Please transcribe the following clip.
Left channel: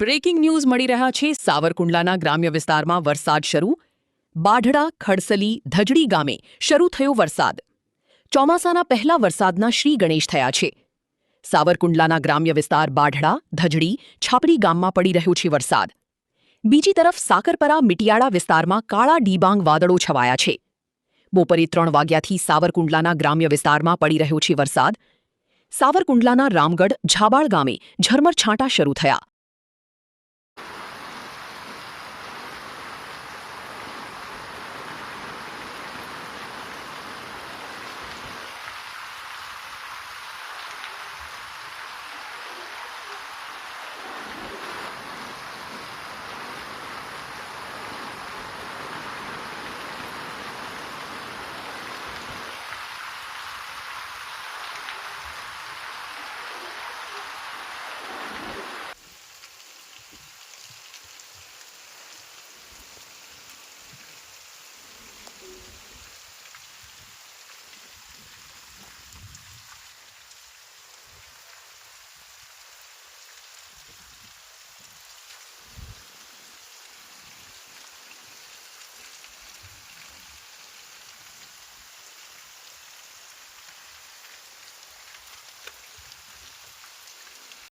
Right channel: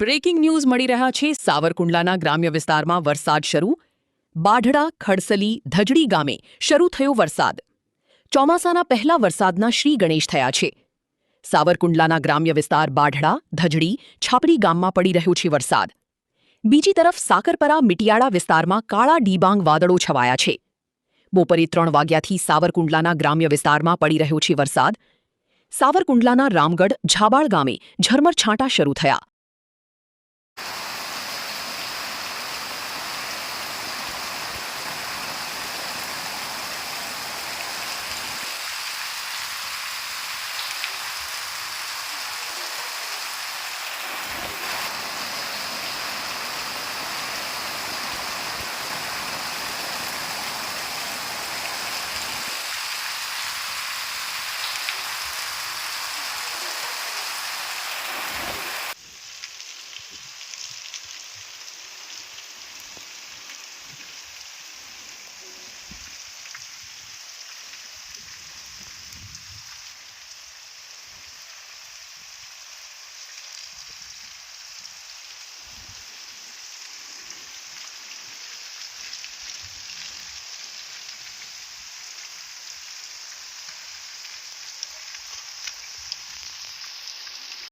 breaking news મળી રહ્યા છે સાવરકુંડલાના ગ્રામ્ય વિસ્તારમાં વરસાદ શરૂ બાઢડા ખડસલી ધજડી ગામે શરૂ થયો વરસાદ ચોમાસાના પહેલા વરસાદના શ્રી ગણેશ થયા છે સાવરકુંડલાના ગ્રામ્ય વિસ્તાર બાઢડા ધજડી છાપરી ગામમાં પડી રહ્યો છે વરસાદ બીજી તરફ સાકરપરા મિટિયાળા વિસ્તારમાં કાળા ડિબાંગ વાદળો છવાયા છે બપોરે 3 વાગ્યાથી સાવરકુંડલાના ગ્રામ્ય વિસ્તારમાં પડી રહ્યો છે વરસાદ સાવરકુંડલાના રામગઢ ઝાબાળ ગામે ઝરમર છાંટા શરૂ થયા